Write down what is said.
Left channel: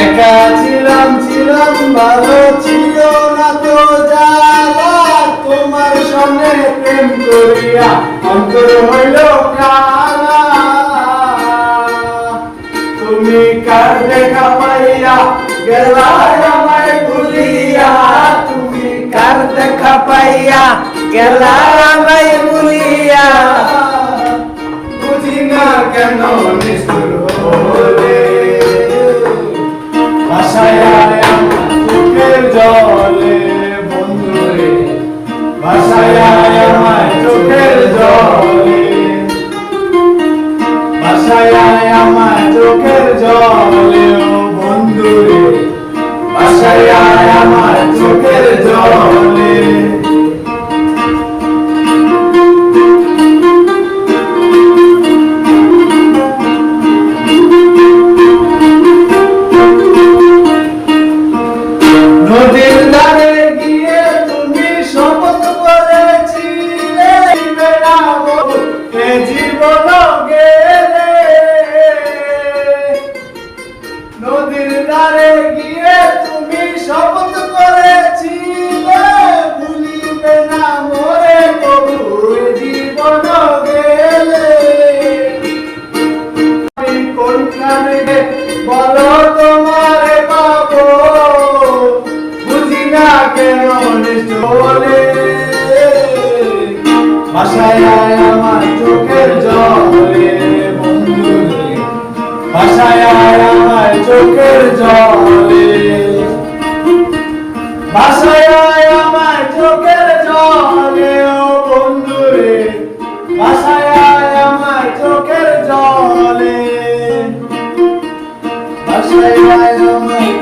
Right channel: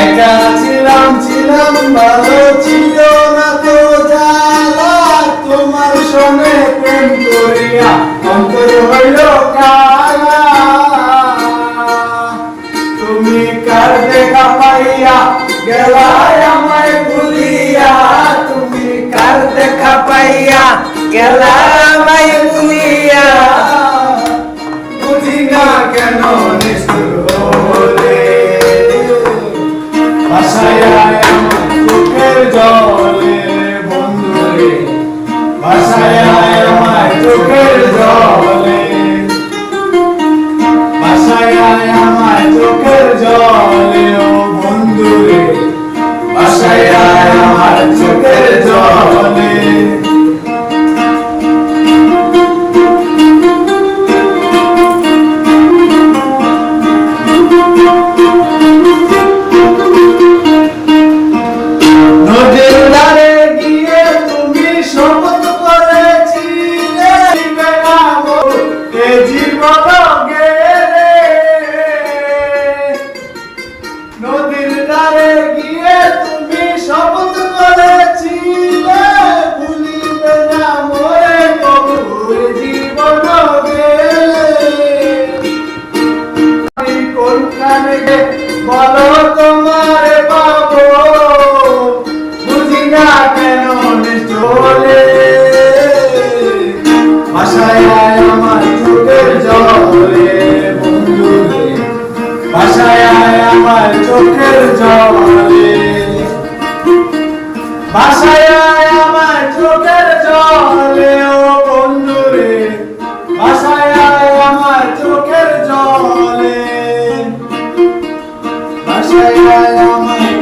একা ছিলাম ছিলাম ভালো ছিল না তো জ্বালা তোমার সঙ্গে প্রেম করিয়া অন্তর হইল কালা তুমি কার দেখা পাইয়া গেলায় আমায় ভুলিয়া তুমি কার দেখা পাইয়া গেলায় আমায় ভুলিয়া বুঝি না কেন নিষ্ঠুর হলে ভাষায় চোখের জলে বন্ধুরে ভাষায় আমায় চোখের জলে ভাষায় আমায় চোখের জলে ও বন্ধুরে ভাষায় আমায় চোখের জলে নদীর ধারে গিয়ে তুমি শপথ করেছিলে এ জীবন গেলে নদীর ধারে গিয়ে তুমি শপথ করেছিলে ভুলিবে না মোরে প্রভু এ জীবন গেলে কোনখানে বলো তোমারে পাবো বুঝি না কেন চলে ভাষায় আমার চোখের জলে বন্ধুরে ভাষায় আমার চোখের জলে ভাষায় আমার চোখের জলে ও বন্ধুরে ভাষায় আমার চোখের জলে ভাষায় আমার